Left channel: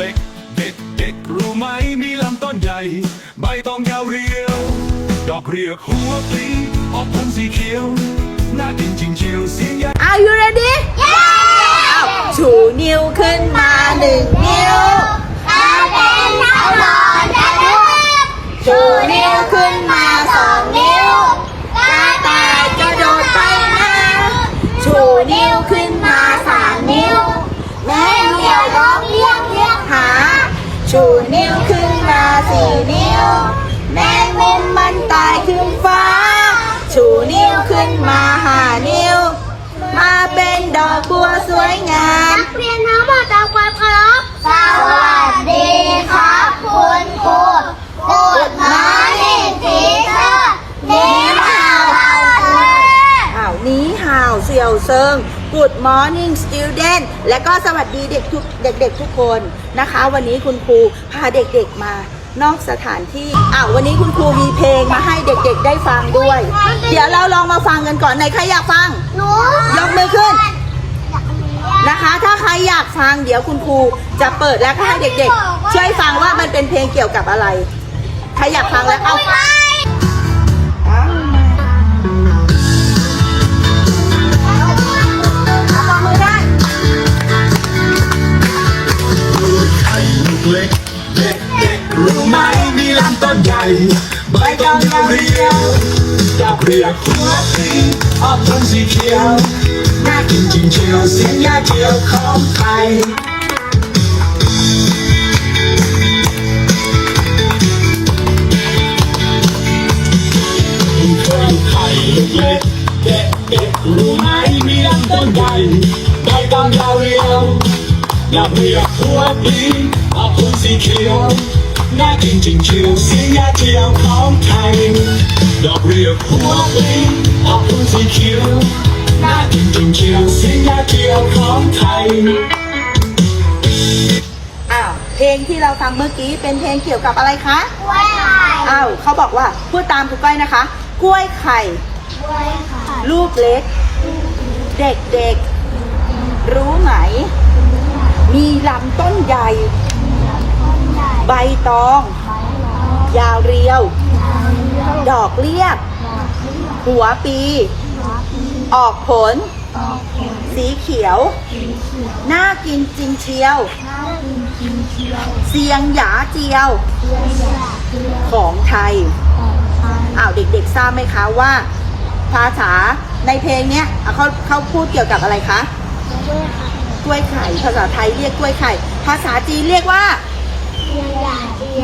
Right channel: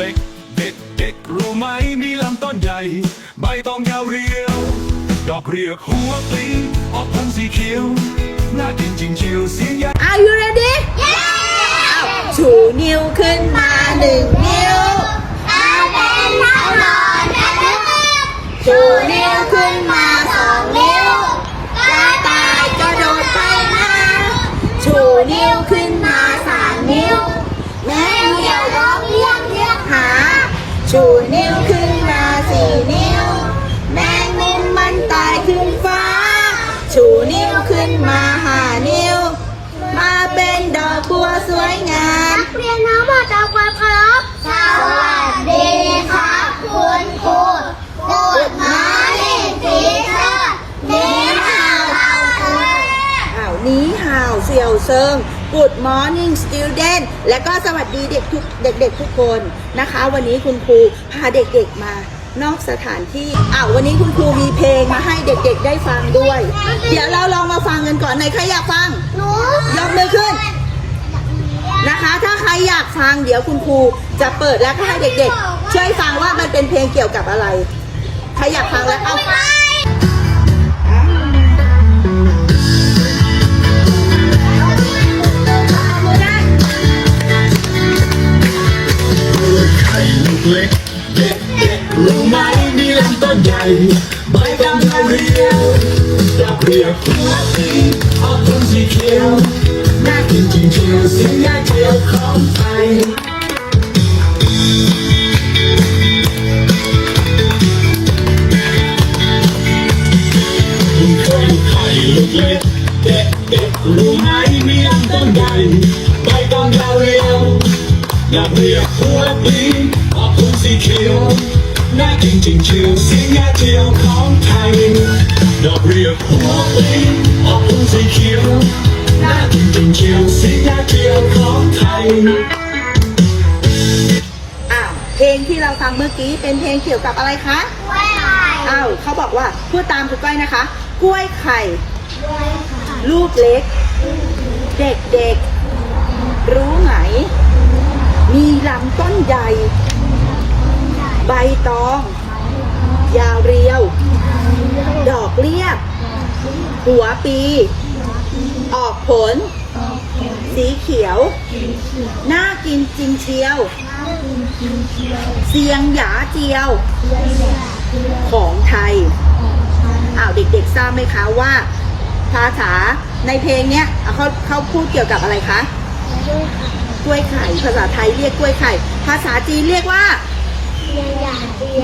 เล็ก เด็กเด็กรู้ไหมมีลำต้นใหญ่ ใบตองยาวเรียว ดอกเรียกหัวปลีออกผลสีเขียว น่ากินจริงเชียวเสียงใหญ่ Are you ready เอาชูนิ้วขึ้นมาหนึ่งนิ้ว ชูนิ้วขึ้นมาสองนิ้ว กระต่ายกระโดดไปมา ชูนิ้วขึ้นมาสามนิ้วแม่เสี่นิ้ว แมงมุมมันตายขึ้นฟ้า ชูนิ้วขึ้นมาห้านิ้ว มาเป็นดอกบัวสวยงาม นักเรียนทั้งหมดทำความเคารพสวัสดีครับคุณครูกูดมอร์นิ่งทีเชอร์นี่ข่าวเราเธออ้าวนี้ห่าวเสี่ยวเซิง Good morning student และก็สวัสดีเด็กทุกเด็กๆทุกคนนะคะ วันนี้คุณครูพาเด็กๆมา นอกสถานที่อ้าววันนี้คุณครูมีเพลงมาให้เด็กๆได้ฟังด้วย เดี๋ยวเราลองมาฟังกันก่อนไหนใครอยากฟังหนูยกมือขึ้นนะคะ ถ้าใครอยากฟังเดี๋ยวคุณครูจะเปิดแล้วก็ให้เด็กๆ ช่วยฟังว่ามันเป็นเพลงเกี่ยวกับอะไร ใครอยากฟังแล้วเอาไปเอามือได้ไข่ลูกเล็กเด็ก เด็กรู้ไหมมีลำต้นใหญ่ใบตองยาวเรียวดอกเรียกหัวปลีออกผลสีเขียว น่ากินจริงเชียวเสียงยาเจียวของไทยเคยไข่ลูกเล็กเด็กเด็กรู้ไหมมีลำต้นใหญ่ใบตองยาวเรียวดอกเรียกหัวปลีออกผลสีเขียวน่ากินจริงเชียวเสียงยาเจียวของไทยดอกเรียกหัวปลีออกผลสีเขียวน่ากินจริงเชียวเสียงยาเจียวของไทย อ้าวเพลงที่เราฟังเมื่อกี้เป็นเพลงเกี่ยวกับอะไรคะกล้วยไข่อ้าวเขาบอกว่าพูดตามครูก้อยนะคะ กล้วยไข่ กล้วยไข่ลูกเล็ก เด็กเด็กๆรู้ไหม มีลำต้นใหญ่ ใบตอง ยาวเรียว ดอกเรียกหัวปี ออกผล สีเขียว น่ากินจริงเชียว เสียงหยาเจียว ของไทย อ้าวเด็กๆทราบไหมคะว่า ภาษาในเพลงเนี้ยอะเขาเขาพูดเกี่ยวกับอะไรคะกล้วยไข่ ภาษาไทยเรียกกล้วยไข่ ภาษาจีนเรียกว่า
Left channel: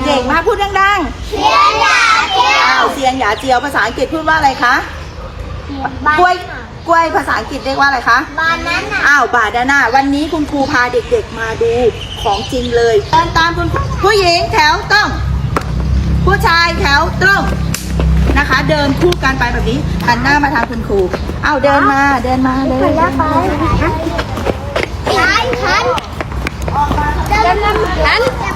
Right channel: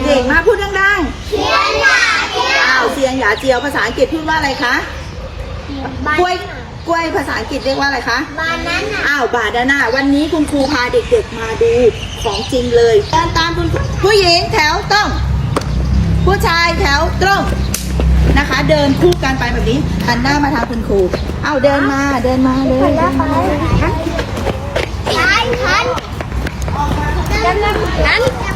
เก่งมากพูดดังเสียงหยาเจีๆยอ้าววเสียงหยาเจียวภาษาอังกฤษพูดว่าอะไรคะกล้วยกล้วยภาษาอังกฤษเรียกว่าอะไรคะบานาน่าอ้าวบาดาน่าวันนี้คุณครูพาเด็กๆมาดูของจริงเลยเดินตามคุณครูผู้หญิงแถวตรงผู้ชายแถวตรงนะคะ เดินคู่กันไปแบบนี้หันหน้ามาทางคุณครูอ้าวเดินมาเดินมาเลยเดินมาเลยหันหันออกมาทางเดินหันหั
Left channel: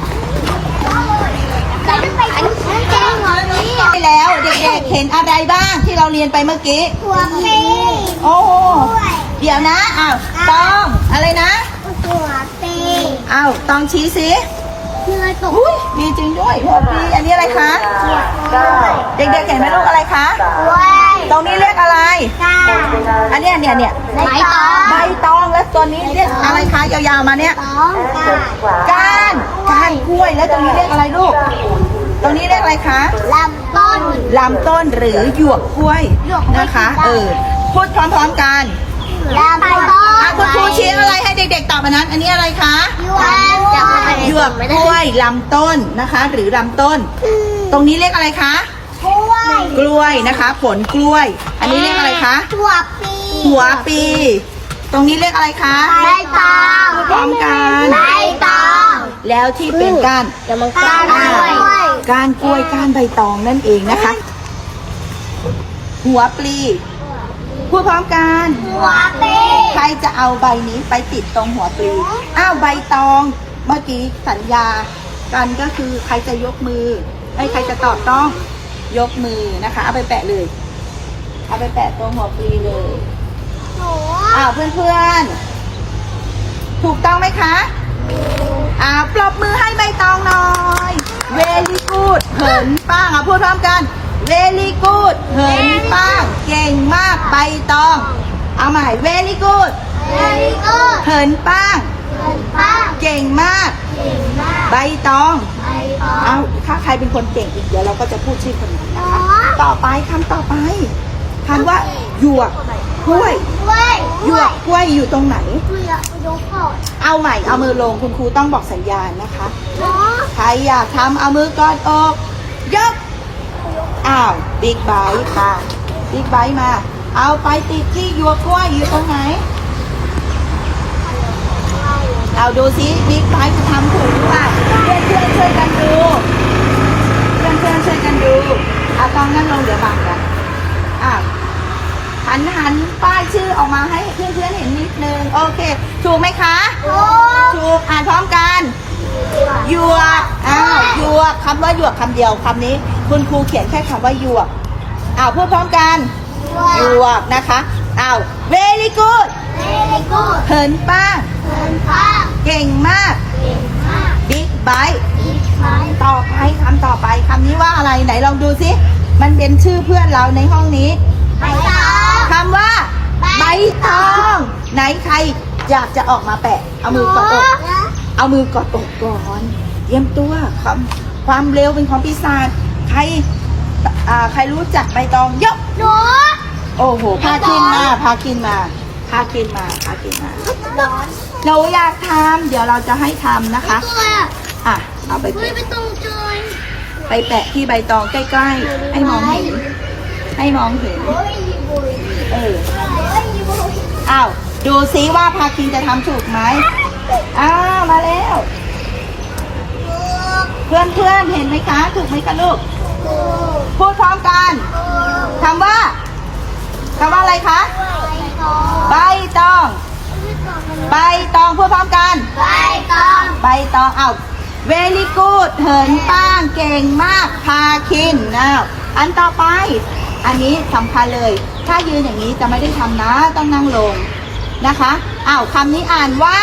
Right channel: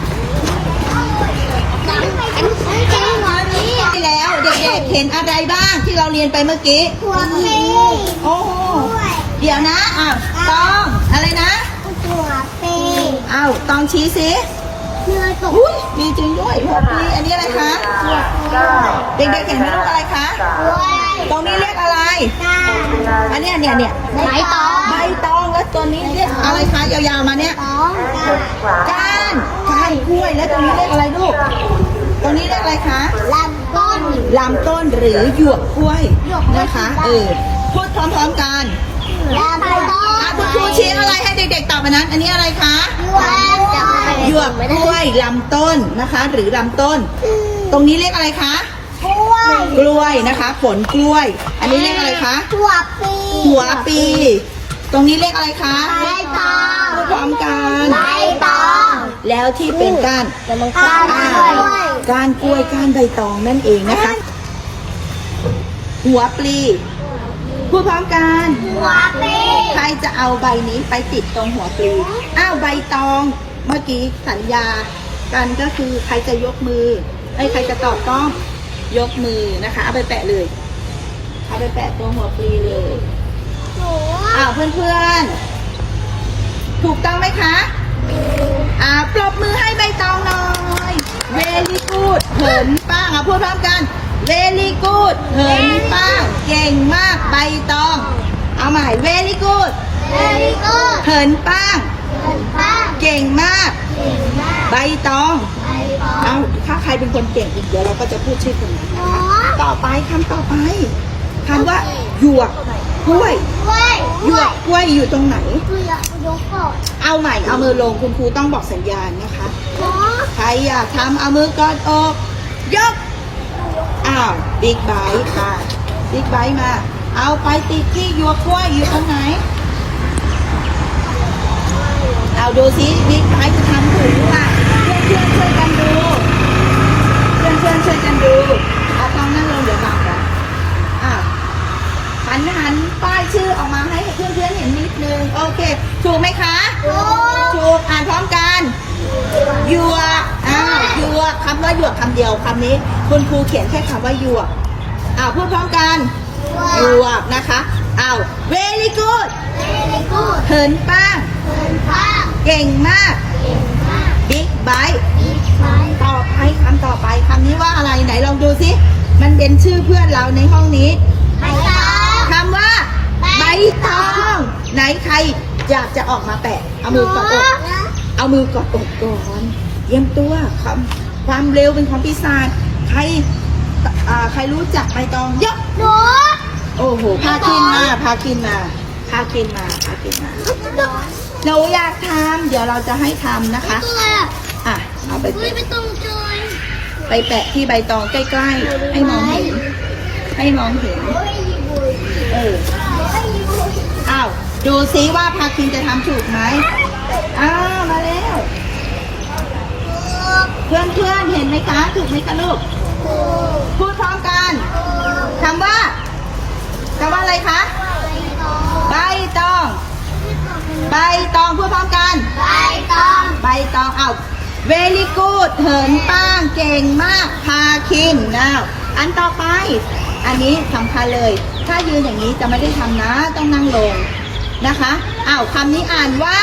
นไปหันหันแกงหัวนี้ได้แล้วเด็กๆเห็นอะไรบ้างที่เราเรียนไปเมื่อกี้ หัวปีโอ้เดี๋ยวนะอ้าวตองอะไรนะหัวปีอ้าวตองชี้สิเนื้อตกอุ้ยมีจริงด้วยหัวปีอันนี้อะไรคะหัวกล้วยเด็กๆเห็นไหมลูกอะไรคะกล้วยตรงนี้เรียกอะไรก้าอันนี้เนี่ยเนี่ยใบตองใบตองและตัวนี้เรียกอะไรคะยาวๆมาเนี่ยตองก้านก้านก้านกล้วยแล้วตรงนี้เรียกอะไรลูก ตรงนี้เรียกอะไรคะลำต้นลำต้นหรือหยวกกล้วยหยวกกล้วยนะคะได้เออพูดพร้อมๆกันลำต้นอะคุณครูชี้อะไรให้เด็กๆตอบมานั้น อันนี้อะไรคะจะมาหยวกกล้วยลำต้นนะคะ หรือลำต้น ตรงนี้เรียกอะไรคะกล้วยกล้วยนะคะ ผลกล้วย อันนี้เรียกอะไรคะหัวปีหัวปี ตรงนี้เรียกอะไรคะใบตองพร้อมกันใบตอง แล้วที่เป็นก้านก้านกล้วยก้านกล้วยก้านใบตองนั่นเองนะคะ หัวปลีพูดพร้อมกันหัวปีใครจะเอาใบนี้ไปติดตรงหัวปลีอ้าวใบตองเมื่อกี้สัญญากันก็คือใครจะยกมือไอ้ยใครจะตอบต้องยกมือนะคะ เอาไปแปะเลย เอาไปแปะตรงหัวปลีเลยหนูอ้าวเพื่อนๆ ถูกต้องไหมคะถ อ่าปรบมือให้ใบตองหน่อย เวลีกูดเหินป้างอะพูดพร้อมกัน เวลีกูดเหินป้างเก่งมากใบตอง เอาใหม่ เวลีกูดเฮ้ยกูเหินป้างเดินป้าเก่งมาก เก่งมากใบตอง ไปต่อเอาถ้าใครเป็นคนเก่งอีกเดี๋ยวเราก็จะพูดชื่อคนนั้นนะคะอ๋อต่อไปคำต่อไปคำว่า หยวกกล้วยกล้วยหยวกกล้วยอยู่ตรงไหนเกลือยกก่อนเอาใหม่เอามือลงคุณครูต้องบอกสัญญาณนะคะเนาะใครอยากทำเอามือกอดอกยกอ้าวบิ๊กไบค์ค่ะบิ๊กไบค์มา เอาไปติดที่หยวกกล้วยอยู่ตรงไหน เอาดูซิบิ๊กไบค์จะทำถูกหรือเปล่าเพื่อนเพื่อนช่วยกันดูเพื่อนเพื่อนช่วยกันดูเอาตองนั่งลงเดี๋ยวบังกันอะ หันหันป้ายชื่อออกมาให้เพื่อนเพื่อนๆเห็นนิดนึง โอเค ถูกไหมคะโอ้ถูก อ่านพร้อมกันหยวกอ้าวหยวกคำว่าหยวกคำเดียวคำนี้ คุณครูเขียนแค่คำว่าหยวกอ้าวพูดพร้อมกันหยวกนะคะอ้าว very good เฮ้ยกูเหินป้างเดินป้าเก่งมากเก่งมาก big bite อีกไปต่อไปคำต่อไปคำนี้ว่าอะไรไหนลองดูสิ มันเป็นชื่อเพื่อนเราในห้องนี้ไปต่อคำว่า ใบตอง ไหนใครอยากจะออกมาแปะ เอามือกอดอกเอามือกอดอกก่อนเตรียมตัวความความเร็วเป็นของปีศาจใครอ่าใครรู้จักใบตองยกหนูโอ้โหพากินมาพากินมาพากินมาพากินมาเราอยากทำเดี๋ยวเราจะให้ทำนะคะตัวอะเอาไปเฮ้ยไม่ต้องจอยไปแปะที่ใบตองใกล้ๆให้มองเห็น ให้มองเห็นเฮ้ยบุยเออเฮ้ยบุยอ้าว ดูซิว่าพาคินจะทำถูกไหม อ้าว มาแล้ว เพื่อนเพื่อนๆเห็นไหมคะ ถูกไหมคะลูก พูดพร้อมกันคำว่าคำว่าอะไรคะ ใบตอง ใบตองพูดพร้อมกัน ใบตอง ใบตองเอาเวลี่กูดเหินป้างเก่งมาก พาคินนะอันต่อไป อันนี้สำคัญเลย ถ้ายืนอย่างนี้จะไม่ได้ทำนะ ต้องนั่งลงนะคะอ้าวคำนี้อ่านว่า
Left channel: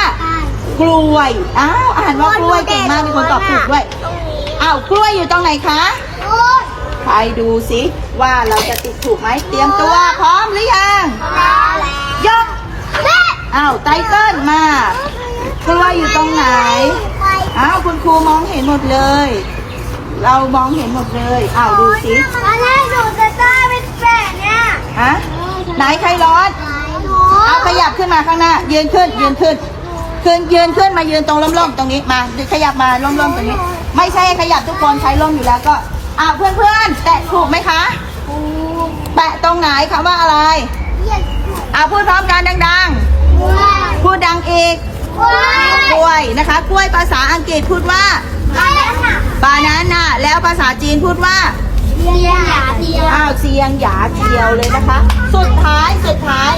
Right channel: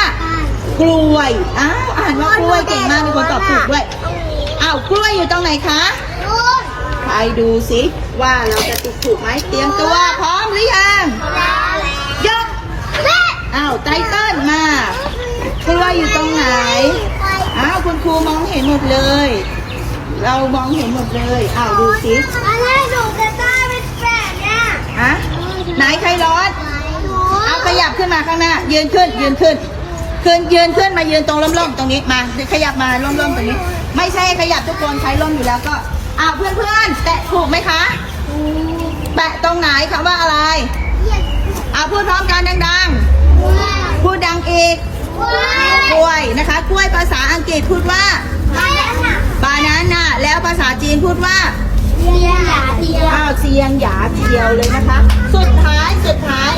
กล้วยอ้าวอ่านว่ากล้วยเก่งมากมีคนตอบถูกด้วยตรงนี้อ้าวกล้วยอยู่ตรงไหนคะนู่นใครดูสิว่าเราจะติดถูกไหมเตรียมตัวพร้อมหรือยังแล้วยกอ้าวไตเติ้ลมากล้วยอยู่ตรงไหนไปอ้าวคุณครูมองเห็นหมดเลย เรามองเห็นหมดเลยอ้าวดูสิ เนี้ยฮะไหนใครร้อนหนูเอาขยับขึ้นมาข้างหน้า ยืนขึ้น ยืนขึ้น ขึ้นยืนขึ้นมายืนตรงร่มๆตรงนี้ มาขยับมาร่มๆตรงนี้ ไม่ใช่ขยับทุกคนใครร่มอยู่แล้วก็อ้าวเพื่อนๆแตะถูกไหมคะแตะตรงไหนคำว่าอะไรเอาพูดพร้อมกันดังๆ พูดดังอีกกล้วยนะคะ กล้วยภาษาอังกฤษพูดว่าบานาน่าแล้วภาษาจีนพูดว่า อ้าวเซียงหยาเทียวเลยนะคะ สุดท้ายสุดท้าย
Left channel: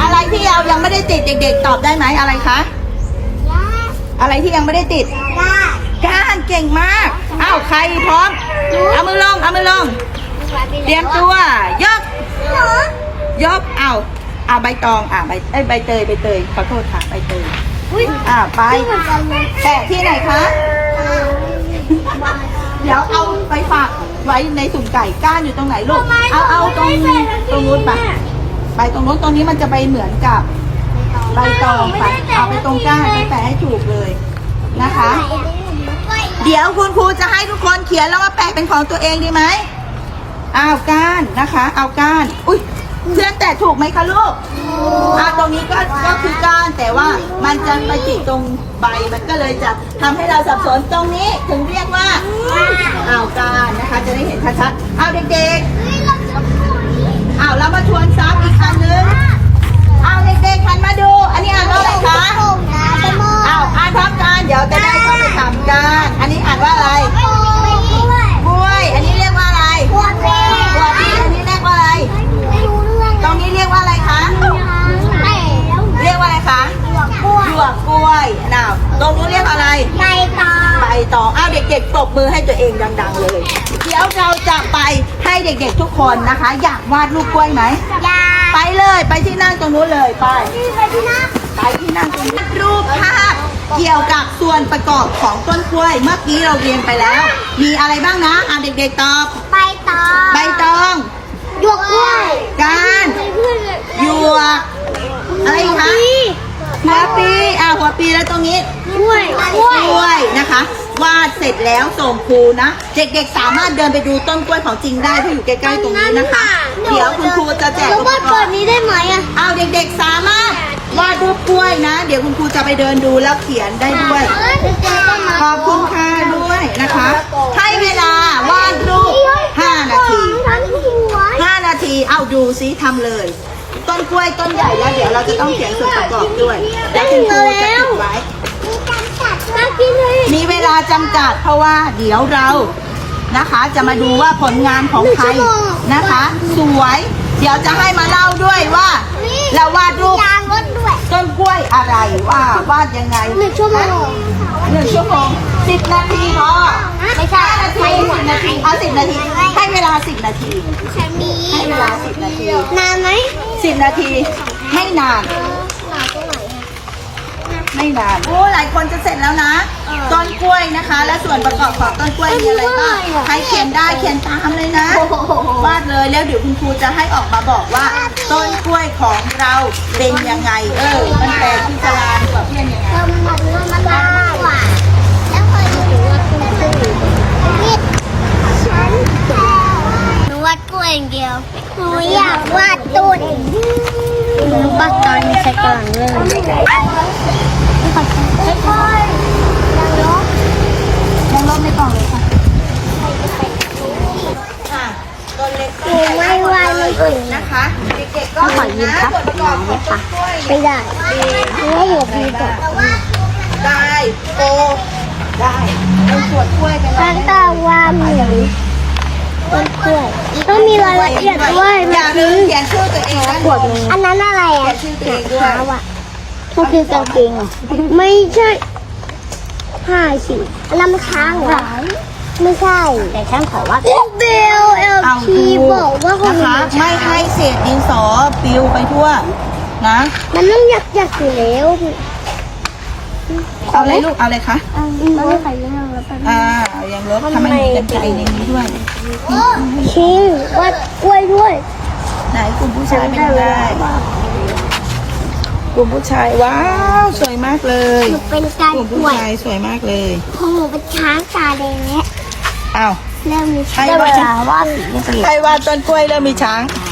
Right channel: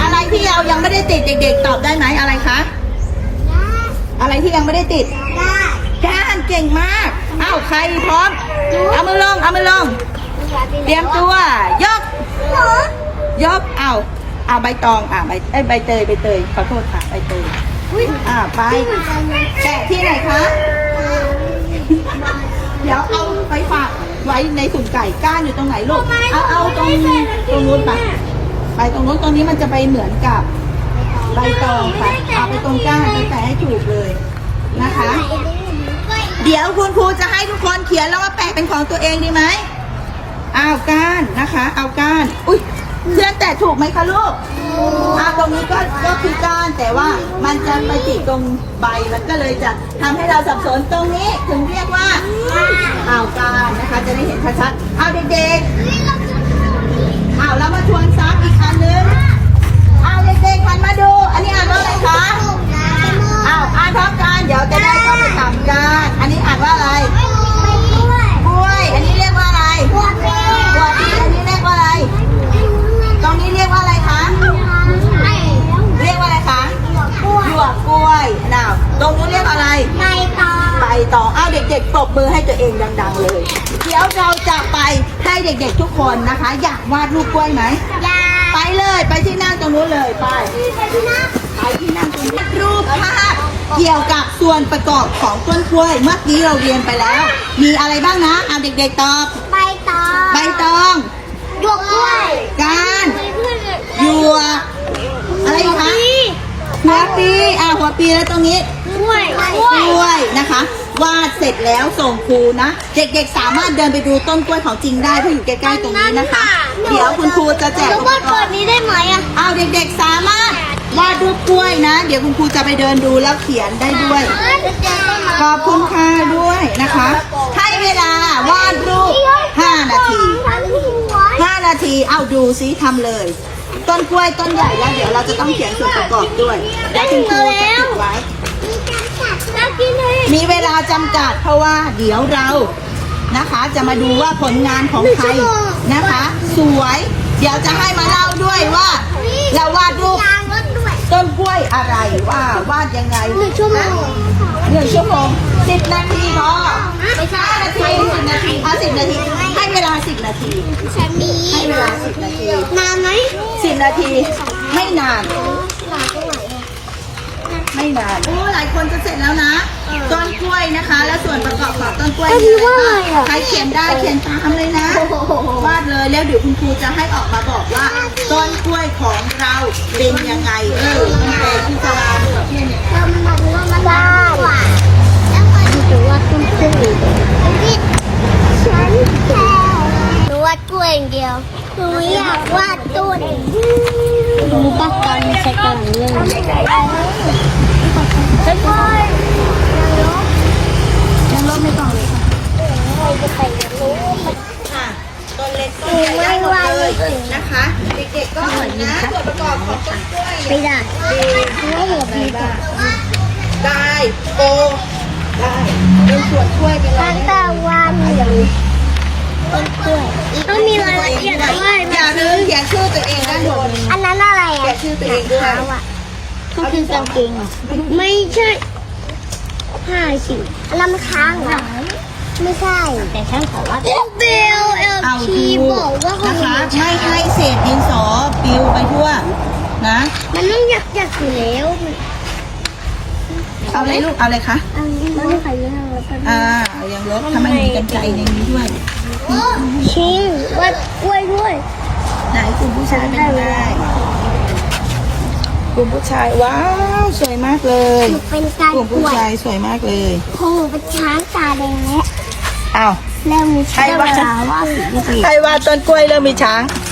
อะไรที่เรายังไม่ได้ติดเด็ก ๆ ตอบได้ไหมอะไรคะอะไรที่ยังไม่ได้ติดก้านเก่งมากอ้าวใครพร้อมเอามือลงเอามือลงเตรียมตัวยกยกเอาเอาใบตองอ่าใบเอ้ยใบเตยใบเตยขอโทษค่ะใบเตยอ่าไปแปะที่ไหนคะเดี๋ยวเอาไปฝาก ไว้ในสุ่มไก่ก้านอยู่ตรงไหนลูก เอาเอาตรงตรงนู้นไปไปตรงนู้นตรงนี้มันจะไปเหมือนกับใบตองไปเอาไปตรงก้านไปแปะให้ถูกเลยนะคะ เดี๋ยวคุณครูจะให้ทุกคนเขียนแล้วว่าแปะเป็นของตัวเองดีไหมเอาก้านนะคะ เอาก้าน อุ้ย เพื่อนแต่ถูกไหมคะลูกอ่าตรงนี้ก็ก็คือก้านแต่ว่ามันจะไปติดตรงใบมันก็เลยจะทำให้เราสับสนตรงนี้ถึงเรียกว่าอ้าวก้านนะคะ จะได้เห็นชัดๆเอาเด็กๆอ้าวเรามาทวนซ้ำอีกครั้งนึง คนนะคะ อยากวาดรูปกล้วยไหมไปเลยไปที่นั่งตรงนู้นเลยไปไปที่นั่งตรงนี้รูปภาพเกี่ยวกับส่วนประกอบของต้นกล้วย เมื่อกี้เราเรียนไปแล้ว มีอะไรบ้างนะเอาเด็กๆตอบใบตองใบตองหยวกกล้วยก้านหยวกอะไรอีกคะหัวปีอ่าหัวปีแล้วตรงนี้กล้วยกล้วยนะคะ วาดเสร็จแล้วส่งครูนะ เด็กๆสามารถเดินไปดูต้นกล้วยของจริงได้เพราะอยู่ใกล้ๆตรงนี้นะคะ เดี๋ยวคุณครูจะแจกอุปว่ากเปิรดณ์นี้ได้ไหมอะเอาเด็กๆสามารถวาดรูปกล้วยนะ เดี๋ยวคุณครูจะไปเดินดูแล้วเขียนได้ด้วย ขอบคุณค่ะด้วยนะคะ ให้เวลาวาดรูป 5 นาที 5 นาทีเอาดูซิทำเลย ต้นกล้วยต้นใหญ่แล้ว เดี๋ยวเราจะต้องเขียนส่วนประกอบด้วย เดี๋ยวคุณครูจะติดไว้ มี เวลาจำกัดเพราะว่าเดี๋ยวเรานะคะ จะมาดูว่าผลงานของใครนะคะ สวย เดี๋ยวจะให้มาเล่าด้วยว่า เราวาดรูปยางรถด้วยต้นกล้วยอะไรว่าวาดยังไงหนึ่งชั่วโมงหนึ่งชั่วโมงสิบนาทีพอไม่ใช่ห้านาทีสิบนาทีเอาสิบนาทีให้เวลาสิบนาทีฉันมีให้เวลาสิบนาทีนานไหมสิบนาทีไม่นานนานตรงไหนอะ ไม่นานโอ้หลายคนจะเสร็จแล้วนะต้นกล้วยนะคะ และส่วนประกอบของต้นกล้วยมีอะไรบ้างใครเขียนได้เขียนตามเลยนะวาดเลยแล้วเดี๋ยวคุณครูจะให้ออกมาบอกว่า ต้นกล้วยของเราเป็นยังไง เออมันเป็นพิจารณาดูกับเพื่อนยังไงเรามาดูว่ามันยากกว่าแล้วเคยดูว่าคุณครูนี่ฉันแค่หนูวาดกล้วยอย่างเดียวหนูอยากวาดต้น รู้ปะตอนใช้กำลังเรื่องลองลบในกล่องเลยค่ะค่ะต้นเล็กต้นใหญ่ได้หมดเลยนะคะเด็กๆก็หันนะส่วนประกอบของต้นกล้วยไม่ได้อะไรบ้างได้โตได้เป็นส่วนกล้วยไปเลยตาว่ามีต้นกล้วย ต้องมีรายละเอียดด้วยอย่าลืมเขียนชื่อตัวเองด้านบนนี้อันนั้นอะไรเขียอะนชื่อตัวเองด้วยพูดถึงสองจริงอะไม่ใช่ห้าสิอันนั้นมันช้างเหรอไม่ใช่แต่ช้างเขาว่าเบลเอลเอาทีถูบอกว่าคนนะคะ ไม่ให้เศษดินสอปลิวไปทั่ว นะ มันไม่อยากอยากอยู่แล้วเอาอะไรลูก เอาอะไรคะมั นไม่ใส่ยังแล้วเป็นอ่าเอายังลบทำไมมีกันไกรในนี้ด้วยชิงว่ากล้วยด้วย ไหนกลุ่มผู้ชายเป็นได้กลุ่มผู้ชายว้าวสวยมากเลยหนูเป็นการกลุ่มกผู้ล้วยชายสวยมากเลยโอ้โหเป็นช้างตาแดงแล้วอ้าวเริ่มมีช้างเวลาว่าสีมันจะใครว่าต้นกล้วยเริ่มมีช้างไ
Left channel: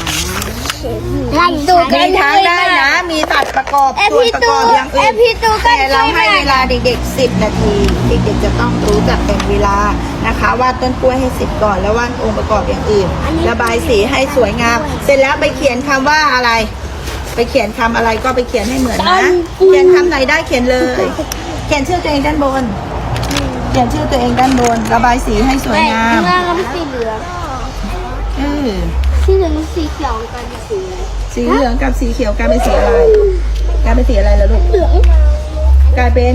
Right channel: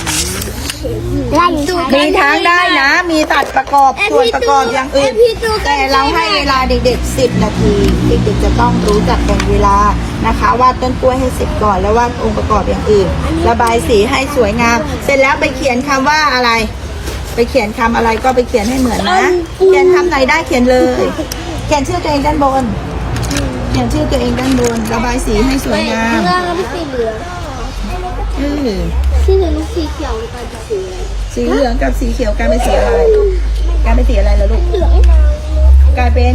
ล่ช้างมีช้างได้นะ มีตัดประกอบส่วนประกอบอย่างอื่นแต่เราให้เวลาเด็กๆ 10 นาที เด็กๆจะต้องรู้จักแบ่งเวลานะคะวาดต้นกล้วยให้เสร็จก่อนแล้ววาดองค์ประกอบอย่างอื่น ระบายสีให้สวยงาม เสร็จแล้วไปเขียนคำว่าอะไร ไปเขียนคำอะไรก็ไปเขียนให้เหมือนนะ เขียนคำไหนได้เขียนเลย เขียนชื่อตัวเองด้านบน เขียนชื่อตัวเองด้านบน ระบายสีให้สวยงามหน้าก็เป็นสีเหลืองเอ อสีเหลืองกับสีเขียวกันเป็นสีสีเหลืองกับสีเขียวกลายเป็นสีอะไรกลายเป็นสีอะไรแล้วลูกเหลืองกลายเป็น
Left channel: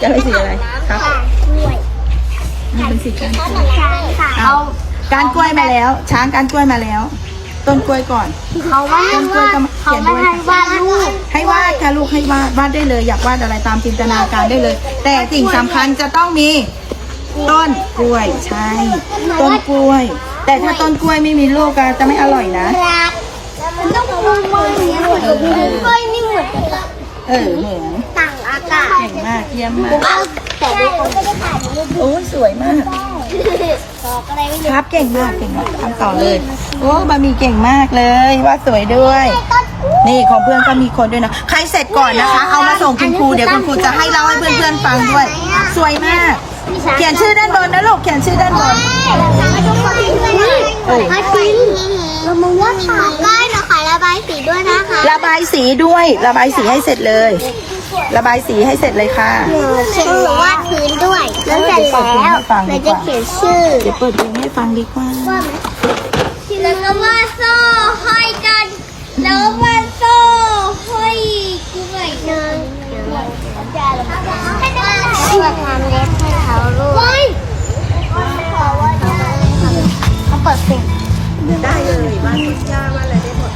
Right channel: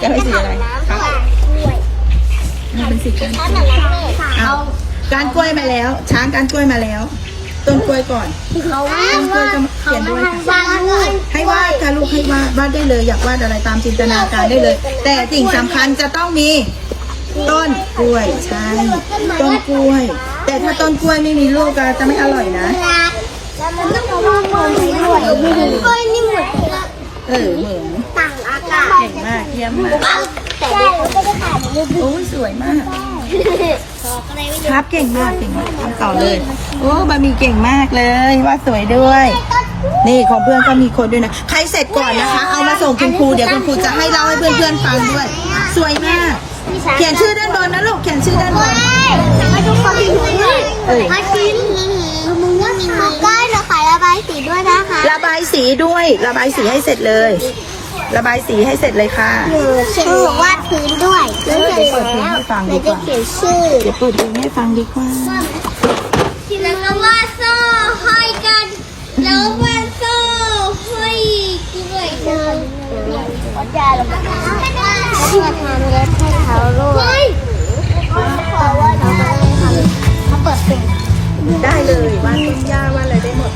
กลายเป็นสีอะไรครับนี่เป็นสีก้านกล้วยใช่ค่ะเอาก้านกล้วยมาแล้ว ช้างก้านกล้วยมาแล้ว ต้นกล้วยก่อนเขาว่าต้นกล้วยก็มาเขียนด้วยวาดรูปให้วาดค่ะลูกให้วาดวาดได้เลย อยากวาดอะไรตามจินตนาการได้เลย แต่สิ่งสำคัญจะต้องมี ต้นกล้วยใช่ต้นกล้วย แต่ถ้าต้นกล้วยไม่มีลูกก็จะไม่อร่อยนะมันต้องมองมองเสียงของมันเฮ้ยนี่เหมือนเออเหมือนต่างอากาศเก่งมากเยี่ยมมากแต่ไม่ต้องถ่ายรูปโอ้ยสวยมากครับเก่งมากเก่งมากทำต่อเลยโอ้บะหมี่เก่งมากเลยว่าสวยด้วย นี่ของเพื่อนก็มีคนด้วยนะ ใครเสร็จก่อนนะคะ เอามาส่งคุณครูเดี๋ยวคุณครูจะให้เล่าให้เพื่อนๆฟังด้วย สวยมาก เขียนชื่อด้านบนนะลูกเขียนชื่อด้านบนเออมาชิ้นมึงว่าขอได้นะคะระบายสีด้วยนะคะระบายสีด้วย ระบายสีให้เสร็จเลย ระบายสีให้เสร็จเลยค่ะชื่อวาดพื้นด้วยแล้วเสร็จแล้วเดี๋ยวจะเขียนชื่อเดี๋ยวเปิดเพลงให้ฟังดีกว่าแล้วก็วาดโซ่ห้อยกันแล้วก็วาดโซ่ห้อยด้วยนะเพื่อทำเล็บให้เขาด้วย เปิดเพลงได้เลยว่าย่าว่าอะไรได้หมด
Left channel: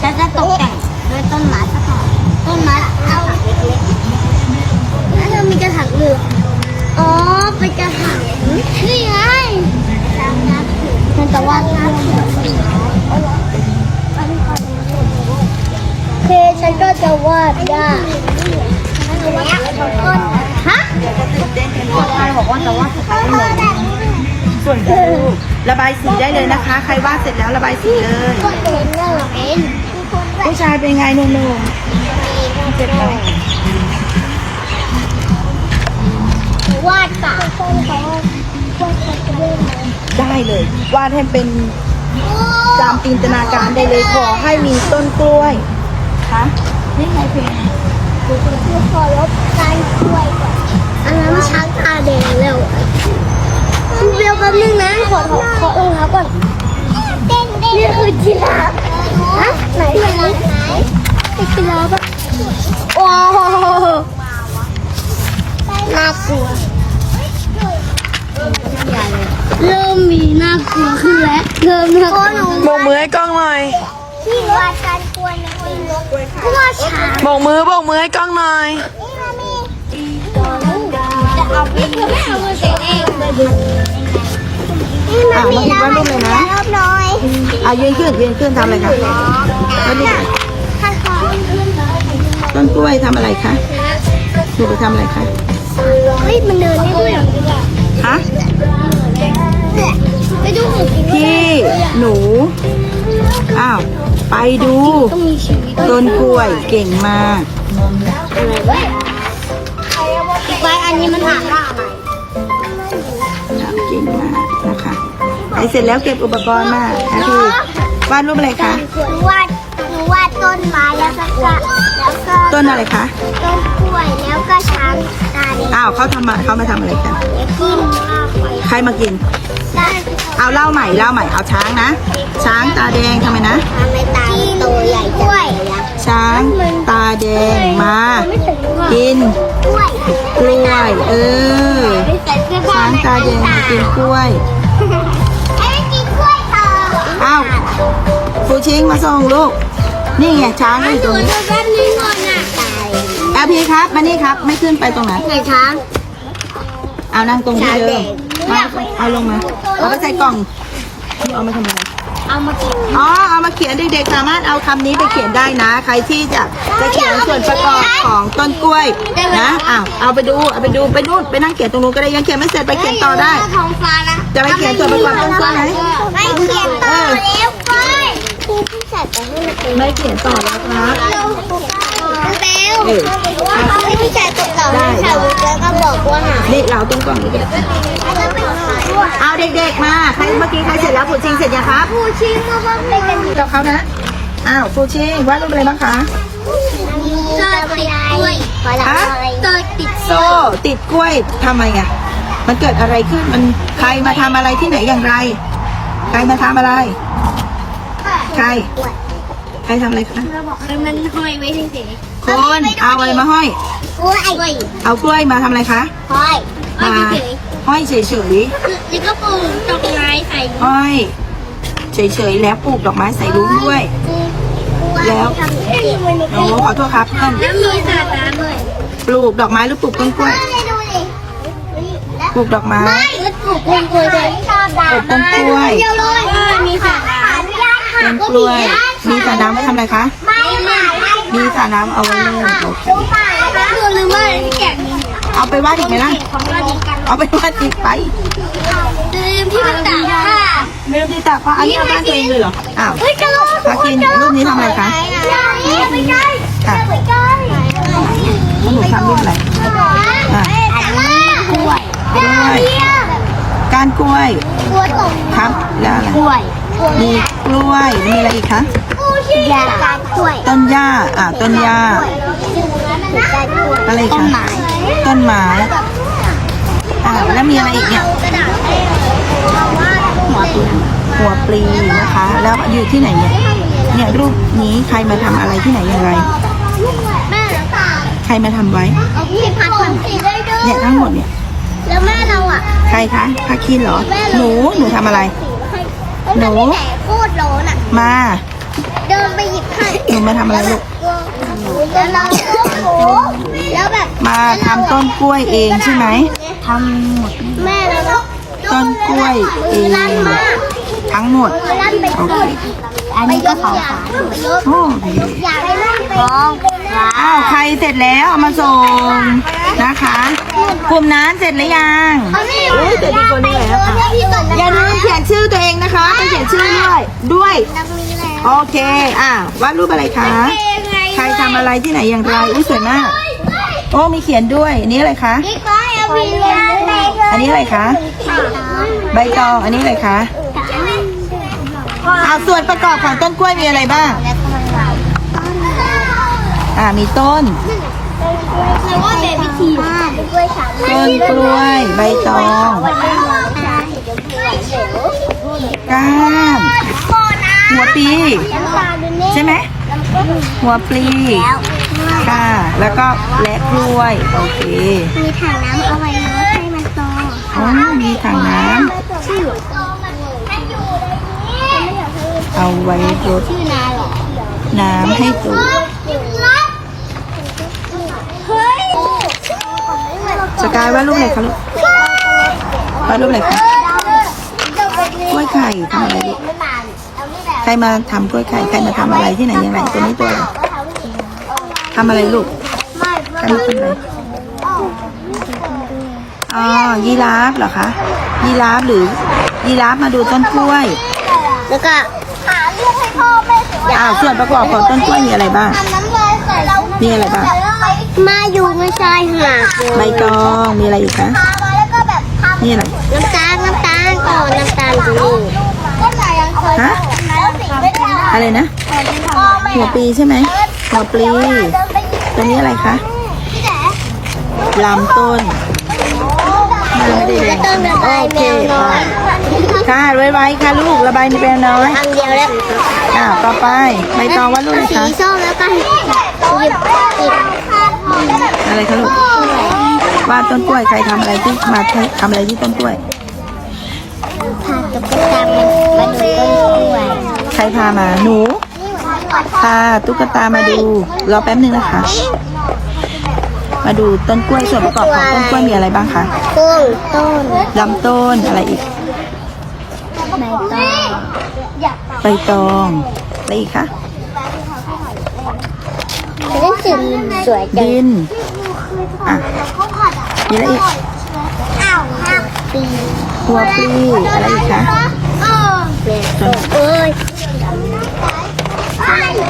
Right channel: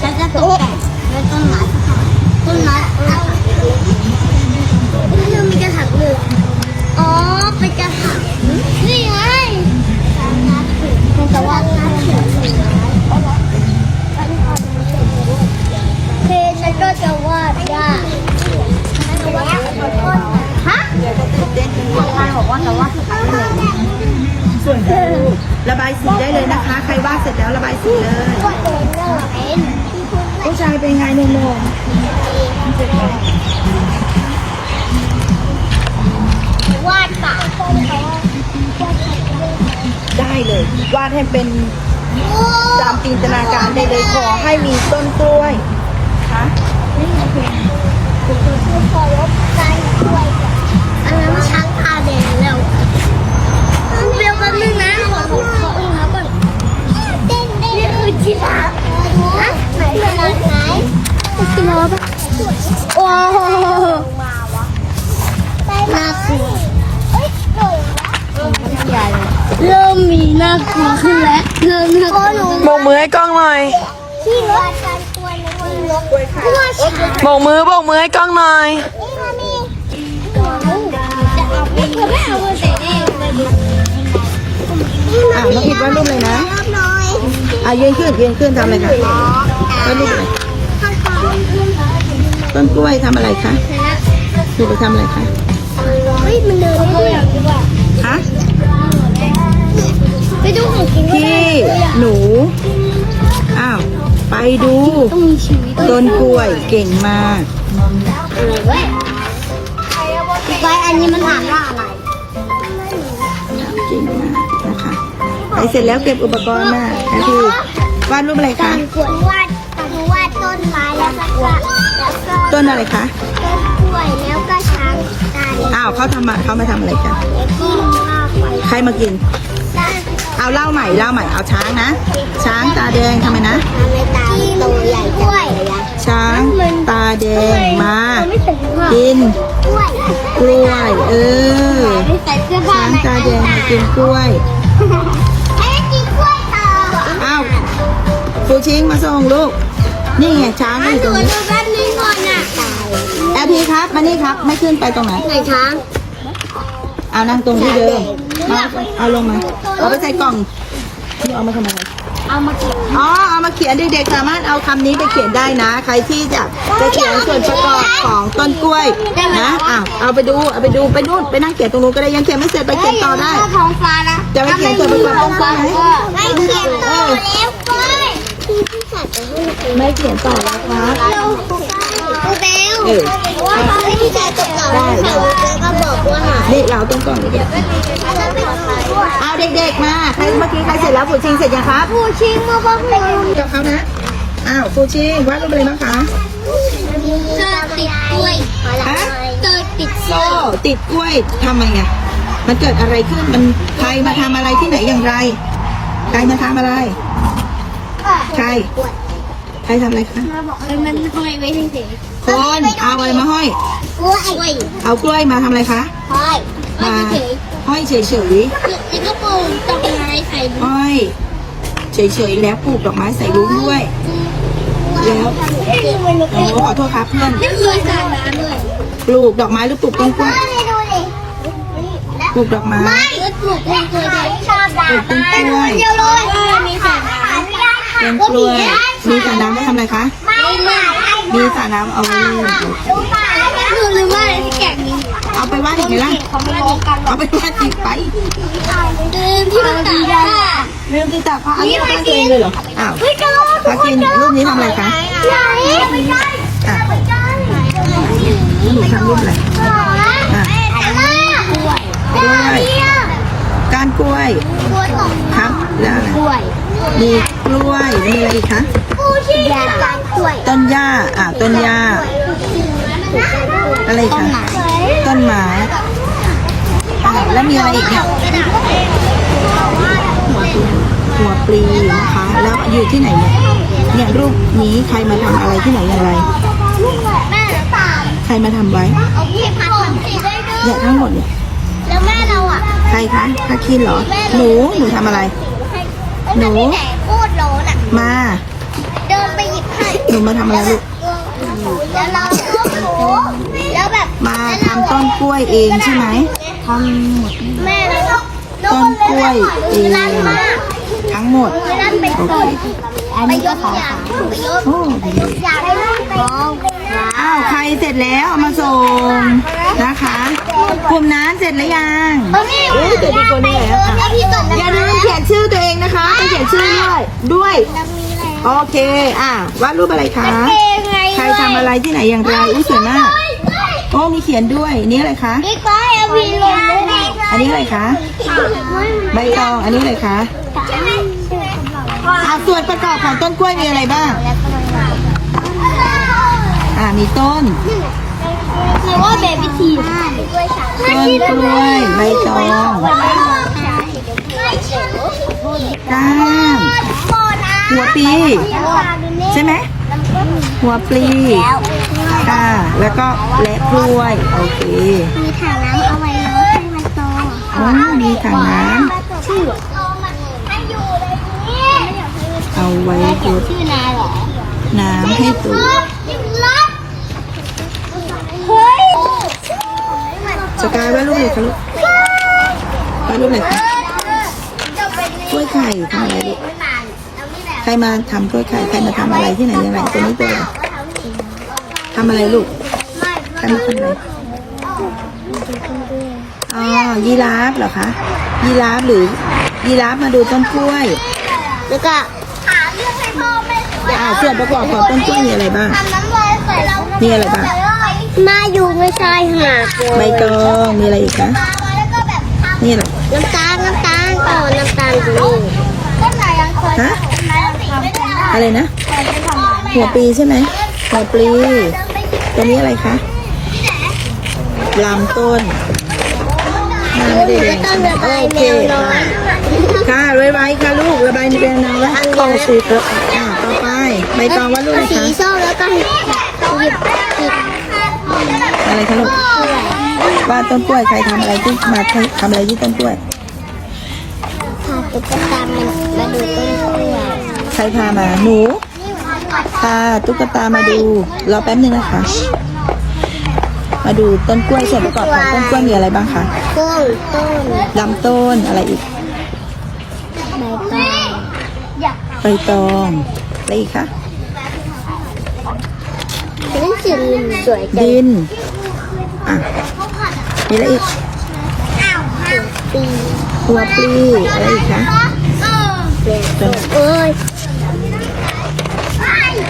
แล้วก็ตกแต่งด้วยต้นไม้สักหน่อยต้นไม้เอาเรามีกระถางอยู่อ๋อเป็นกระถางนี่ไงกระถางนับถือกระถางนับถือสี่ร้อยโอเคฉันก็จะวาดได้ฮะเดี๋ยวจะตื่นเต้นกันหมดใครบอกว่าจะวาด ส่วนครูระบายสีได้เลยนะคะ ใครวาดเสร็จแล้วระบายสีเลย ผู้ชายเป็นไงหนุ่มๆเสร็จแล้วาดปากได้เลย วาดให้เป็นตามจินตนาการได้เลยขอให้มีต้นกล้วยคะนี่ไงเพลงอันนั้นช้างตาแดงแล้วเดียวกั นึงนะขอขอเออครับก่อนเต้นเต้นนี่คือจีราไหนไหนไหนจีราฟโอ้โหน่ากลัวเริ่มมีน่ากลัวขึ้นแล้วเริ่มน่ากลัวโบกมือให้กล้องหน่อยที่ว่าการกลัวในทีมเพราะว่าช้างโบกมือโบกมือให้กล้องหน่อยจะเอาไปทำเสร็จเอง อ่ามาคิดว่ารูปเลยนะน้อยอะยืนขึ้นยืนขึ้นทำอะไรคะต้นนี้ขั้นตอนต้นกล้วยทำอะไรคะหนูไปทำอะไรคะเฮ้ยมันเดินได้ด้วยคะไม่ต้องเห็นกินพี่หนู อ้าว ไปดูต้องมีชีวิตต้นกล้วยเก่งมากอะไรเว้ยอีกใบอันนี้มันถามว่าอะไรเก่งมาก นะคะไอเสร็จแล้วเก็บอุปกรณ์มานะพี่วาดรูปอะไรคะหนูวาดหนูวาดต้นไม้แล้วก็แล้วก็ต้นอะไรคะต้นกล้วยแล้วก็ช้างตาแดงอ้าวเขาทำมาเขามาทำอะไรกันกินข้าวไปใครมากินได้เอาเล่าใหม่เล่าใหม่เอาช้างนะ ช้างตาแดงทำไมนะทำในตาโตใหญ่กล้วยช้างตาแดงมาไม่ถึงกินกล้วยกล้วย เออช้างตาแดงมากินกล้วย ครูชิงมาส่งลูก นี่ไงช้างก็อยู่ตรงนี้บ้านนี้ก่อนน่ะตายแอลพีครับมานี่ครับ ไม่ขึ้นไปตรงนั้นไหนช้างเอานั่งตรงที่เดิมมาเอาลงมา เอาไปใส่กล่องนี่เอามาทำไม เอามากินอ๋อเอามาเขียนเด็กๆสามารถเอาคำนี้ไปเขียนได้นะ ใครที่จะจะเขียนส่วนประกอบของต้นกล้วยนะอะเอาไปดูเอาไปดูไปนู่นไปนั่งเขียนตรงนู้นก็ได้ยังเขียนไม่เสร็จไปเขียนต่อได้ ท้องฟ้าแล้วจะไปเขียนส่วนประกอบต้นกล้วยไหมไม่เขียนต่อแล้วกล้วยคือที่ใส่ไปให้มันเป็นไม่เขียนต่อแล้วครับเราเอาเบล เออ เอาไปที่ใส่ตกเราได้ได้ แล้วก็บอกว่าหานี่เราตรงกล่องนี้ก็ได้แล้วก็เป็นผู้เอาเด็กๆมาใครเมื่อกี้ใครเสร็จแล้วฟูชิงเสร็จยังครับชี้มาบ้างเลยกับเขานะอ้าวฟูชิงวาดรูปอะไรบ้างคะ เจอติดกล้วยฮะ เจอติดกล้โซ่วยติดกล้วยทำไมอะ มันเกิดอะไรขึ้นมันใครมาทำอะไรที่ไหนอย่างไร ใครมาทำอะไร ใคร ใครทำอะไรคะมันห้อยไว้เฉย คนเอาอะไรมาห้อยๆกล้วยกล้วยเอากล้วยมาทำอะไรคะห้อยห้อยมาเฉยห้อยเฉยๆแล้วก็ปลูกดอกไม้ใส่ๆห้อย เฉยๆแล้วปลูกดอกไม้ใส่รุ้งด้วย แล้วทำอย่างนี้โอ้ขอโทษครับเพื่อนแล้วมีสระน้ำเลยปลูกดอกไม้หรือปลูกต้นกล้วยดูดิปลูกดอกไม้ไม่ปลูกต้นกล้วยเลยชอบปลูกต้นกล้วยเดียวเลยมีสระน้ำต้นกล้วยมีสระน้ำไว้ทำอะไรคะไม่ไม่มีสระน้ำเอาไว้เล่นโอเคหนูลืมว่าที่แกะมีเอาไปวาดอีกไหมล่ะของเราดีกันเอาไปวาดอีกไป ลืมที่มันต่างกันไม่ต้องติดตาเพราะอันนี้เอาบ้านตัวเองเลยเหรอ อ้าวเฮ้ยดูพากินรูปนี้ทำอะไรคะไม่ใช่อะไม่ใช่แล้วหนูทำรูปอะไรอะอันนี้กล้วยกล้วยก้านกล้วย กล้วยตกครับแล้วอะไรกล้วย มีกล้วย มีอะไรอีกคะ ยาการกล้วยต้นหญ้าอะต้นหญ้า อะไรอีกต้นคะไม้ต้นไม้อะแล้วมีอะไรอีกเนี่ยหัวปลีหัวปลีนะคะ แล้วอยู่ที่ไหนเนี่ยเนี่ยรูปนี้ใครมาทำอะไรที่ไหนอย่างไร แม่ใครมาทำไว้ พี่พันธุ์สีได้ด้วยเนี่ยทั้งหมดเนี่ย แล้วแม่เราอะใครคะพาคินเหรอ หนู หนูทำอะไร หนู พูดโลน่ะมาเดินไป หยิบไข่หนูมาทำอะไรลูกแล้วเราแล้วแบบมาทำต้นกล้วยเองใช่ไหมทำหมดแม่ต้นกล้วยเอง ทั้งหมด โอเค อันนี้ก็ของฝากโอ้ดีของฝากอ้าวใครเสร็จแล้วเอามาส่งนะคะ กลุ่มนั้นเสร็จหรือยังอุ้ยเสร็จดีกว่านี้แล้วค่ะอย่าลืมเขียนชื่อตัวเองนะคะไปเขียนชื่อด้วยด้วย โอเค อ่าวาดรูปอะไรคะ ใครทำอะไรที่ไหนอย่างไร อุ้ยสวยมาก โอ้มีเขียนด้วยอันนี้อะไรคะนี่ก็เอามีเงินด้วยอันนี้อะไรคะ ใบตอง อันนี้อะไรคะอ่าส่วนประกอบของต้นกล้วยมีอะไรบ้างแล้วก็มันเราอ่ามีต้นแล้วก็เบบี้ทีบ้านต้นกล้วย ใบตองก้าน หัวปีใช่ไหมหัวปลีค่ะ แล้วก็และกล้วย โอเค มีถังน้ำเอาไว้รดให้มันโตอ๋อมีถังน้ชื่อำเอาไว้รดชื่อนาแหละน้ำให้ตูเฮ้ยสกายวาดรูปอะไรคะลูกวาดรูปอะไรคะกล้วยไข่ทำอะไรลูก ใครมาทำกล้วยไข่ใครมาทำอะไรที่ไหนยังไงตัวนี้ตัวอะไรทำอะไรลูกใครมาทำอะไรอ๋อยีราฟเหรอคะยีราฟหรือยีราฟมาดูต้นกล้วย แล้วก็หาเรื่องให้พ่อแม่อ่าส่วนประกอบของต้นกล้วยมีอะไรบ้างทำน้ำลายใส่เรามีอะไรบ้างมาอยู่ไม่ใช่หนักเลยใบตองมีอะไรอีกคะแล้วก็แบบนี่อะไรน้ำตาลน้ำตาลต่อน้ำตาลอยู่นี่ก็ไหนยังเคยฮะทำกันได้ อะไรนะ หัวปีใช่ไหมหัวปลีตัวนี้อะไรคะลำต้นไม่ได้แดงโอเคไปค่ะไวๆค่ะลูกระบายมีแรงน้อยกองสีแล้วอ่าต่อไปใบตองว่าลูกอะไรสีคะส้มแล้วก็หยิบอะไรคะลูกวาดต้นกล้วยใครทำอะไรที่มาทำอะไรที่ต้นกล้วยพาตุ๊กตามาดูต้นกล้วย รพามา หนูพาตุ๊กตามาดู รอแป๊บนึงนะคะ มาดูต้นกล้วยส่วนประกอบของต้นกล้วยมีอะไรบ้างคะต้นต้นลำต้นอะไรอีก ใบตองใบตองอะไรอีกคะนี่สีสวยจังดินอะมีอะไรอีกปีหัวปลีอะไรอีกคะจน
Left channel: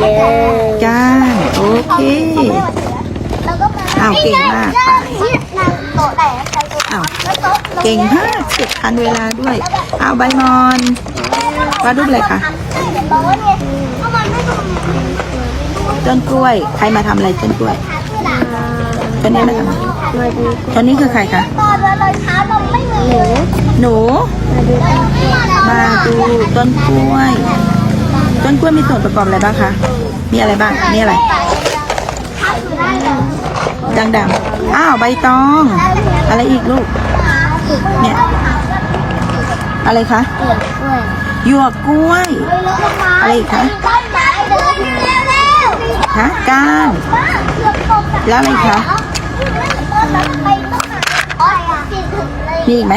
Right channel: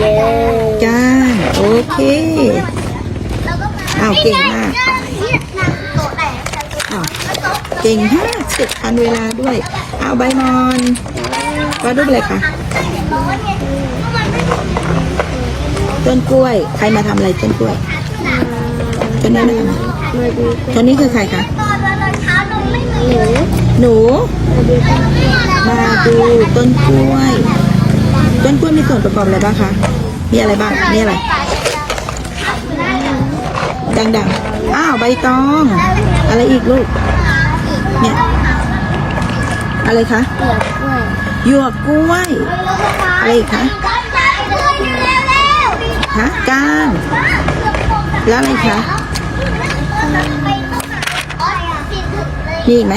โอ้ยก้า โอเค อ้าว เก่งมากไปอ้าว เก่งมาเสร็จทันเวลาด้วย เอาใบมอนวาดรูปอะไรคะต้นกล้วย ใครมาทำอะไรต้นกล้วยต้นนี้มาทำอะไรต้นนี้คือใครคะ หนู หนู มาดูต้นกล้วย ต้นกล้วยมีส่วนประกอบอะไรบ้างคะ มีอะไรบ้าง นี่อะไร ดังๆ อ้าวใบตอง อะไรอีกลูก เนี่ย อะไรคะเปลือกกล้วยหยวกกล้วย อะไรอีกคะฮะก้านแล้วอะไรคะมีอีกไหม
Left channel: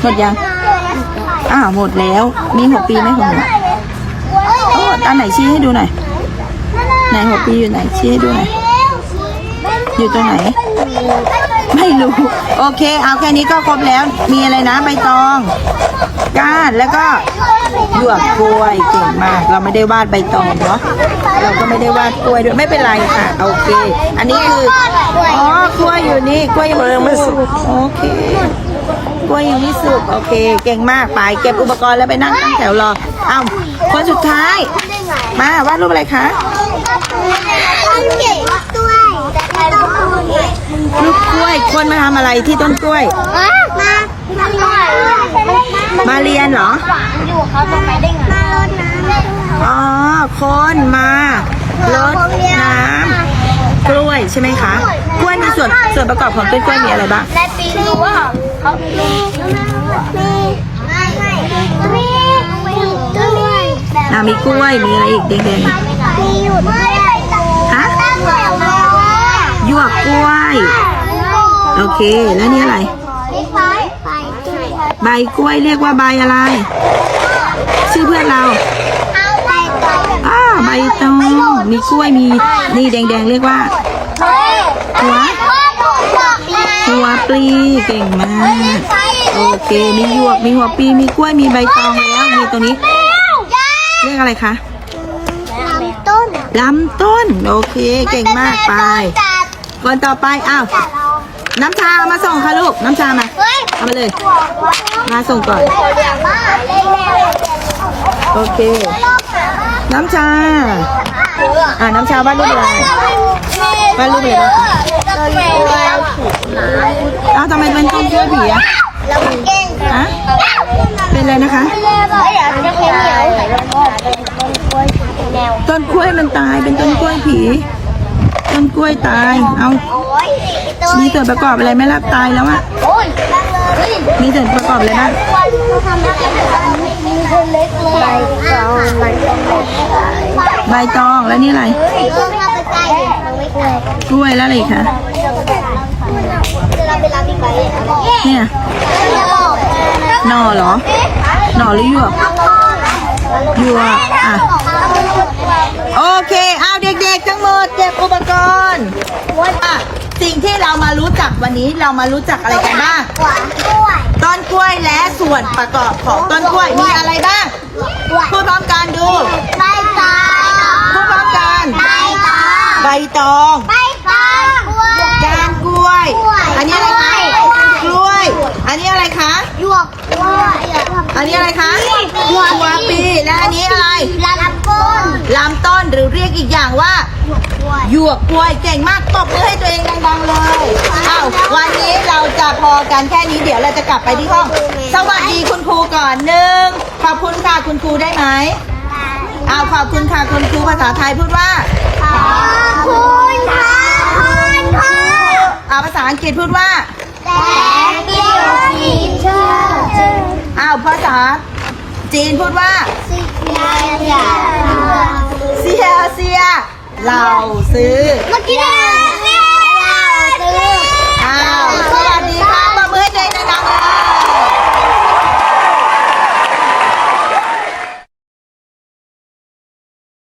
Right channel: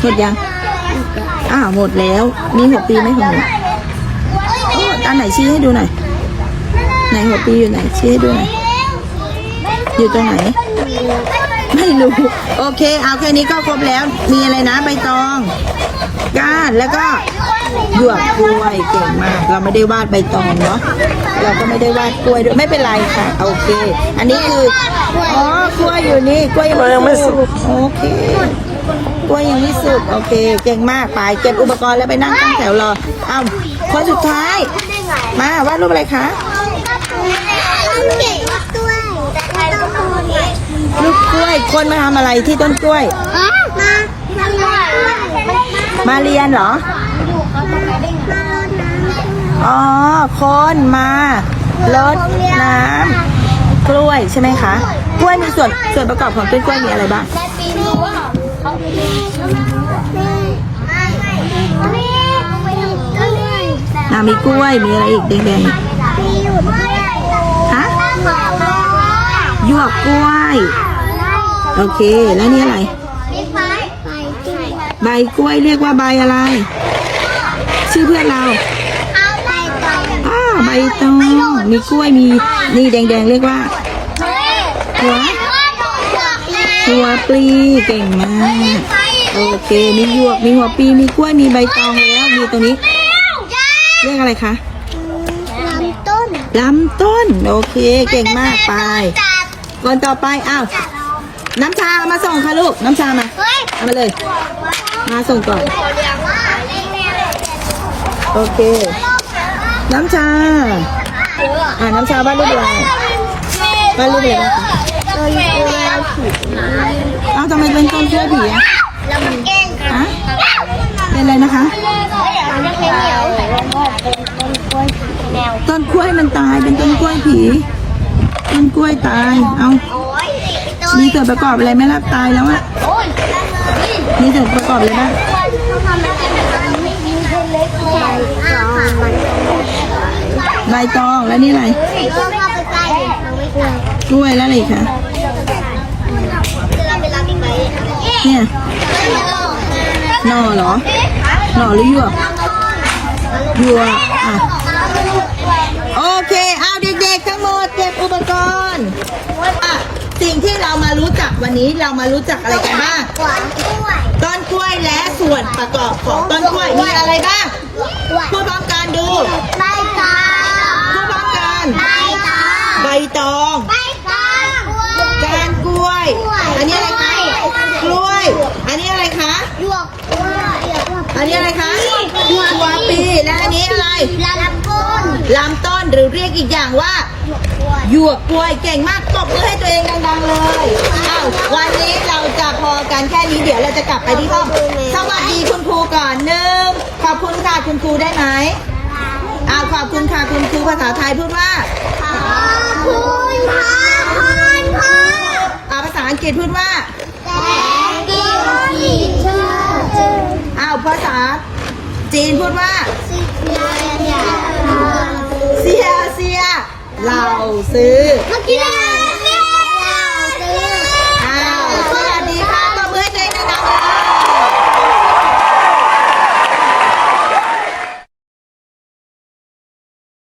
หมดยัง อ้าวหมดแล้ว มีหัวปีไหมของหนู อ้ด้านไหนชี้ให้ดูหน่อยไหนหัวปีอยู่ไหนชี้ให้ดูหน่อยอยู่ตรงไหน ไม่รู้ โอเค เอาแค่นี้ก็ครบแล้ว มีอะไรนะใบตอง ก้านแล้วก็หยวกกล้วยเก่งมาก เราไม่ได้วาดใบตองเนาะเราก็ไม่ได้วาดกล้วยด้วยไม่เป็นไรค่ะ โอเค อันนี้คืออ๋อกล้วยอยู่นี่กล้วยยังไม่สุกโอเคกล้วยยังไม่สุกโอเค เก่งมากไปเก็บอุปกรณ์แล้วไปนั่งตั้งแถวรอ เอ้า คนสุดท้าย มาวาดรูปอะไรคะเก็บด้วยลูกกล้วย คนมาทำอะไรที่ต้นกล้วย มามาเรียนเหรออยู่ครับตรงไหนได้ไงมารดน้ำอ๋อ คนมารดน้ำกล้วยใช่ไหมคะ กล้วยมีส่วนส่วนประกอบของต้นกล้วยมีอะไรบ้าง อ่ามีกล้วยมีอะไรอีกแดงๆอีกมีหยุดด้วยฮะหยวกกล้วย โอเค แล้วนี่อะไร ใบกล้วยเรียกว่าใบอะไร ชื่อเพื่อนเราไปต่ออ้าใบตองมีกล้วยมีนี่แดงๆเรียกว่า หัว หัวปลีเก่งมาก โอเค มีหยวกมีหัวปลีมีกล้วยมีใบตองแล้ว มีตรงนี้ เรียกอะไรคะลำต้นลำต้น โอเค เก่งมากไป คนต่อไป อ้าว น้ำชาเอามาส่งค่ะลูก น้ำชามา เอามาเลย มาส่งก่อน โอเค น้ำชา อ่าน้ำชาวาดรูปอะไรวาดรูปอะไรบ้างคะเอ้าทำไมเป็นต้นกล้วยผีอะ อะเป็นอะไรนะคะต้นกล้วยมันตายเป็นต้นกล้วยผี ต้นกล้วยตาย เอามีส่วนประกอบอะไรไหม่รับตายแล้วอะมีส่วนประกอบอะไรบ้างใบตองแล้วนี่อะไร กล้วยแล้วอะไรอีกคะเนี่ย หน่อเหรอ หน่อหรือหยวกหยวกอะ โอเค เอาเด็กๆ ทั้งหมด เก็บอุปกรณ์อะสิ่งที่เรามารู้จักวันนี้เรามารู้จักอะไรกันบ้างขวางกล้วย ต้นกล้วยและส่วนประกอบของต้นกล้วยมีอะไรบ้าง พูดพร้อมกันดู ใบตองพูดพร้อมกัน ใบตอง ใบตองใบตองกล้วยก้านกล้วย อันนี้อะไรคะกล้วย อันนี้อะไรคะ หยวกกล้วย อันนี้อะไรคะหัวปี และอันนี้อะไรลำต้นลำต้นหรือเรียกอีกอย่างว่าหยวกกล้วยเก่งมากตบมือให้ตัวเองดังๆเลยอ้าววันนี้เราจะพอกันแค่นี้เดี๋ยวเราจะกลับไปที่ห้อง สวัสดีคุณครูก่อนหนึ่งขอบคุณค่ะคุณครูได้ไหมอ้าวขอบคุณค่ะคุณครูภาษาไทยพูดว่าขอบคุณค่ะคุณครูอ้าวภาษาอังกฤษพูดว่า Thank you teacher อ้าวภาษาจีนพูดว่าเซียเซียเราซื้อเอาสวัสดีค่ะตบมือให้เลยนะคะ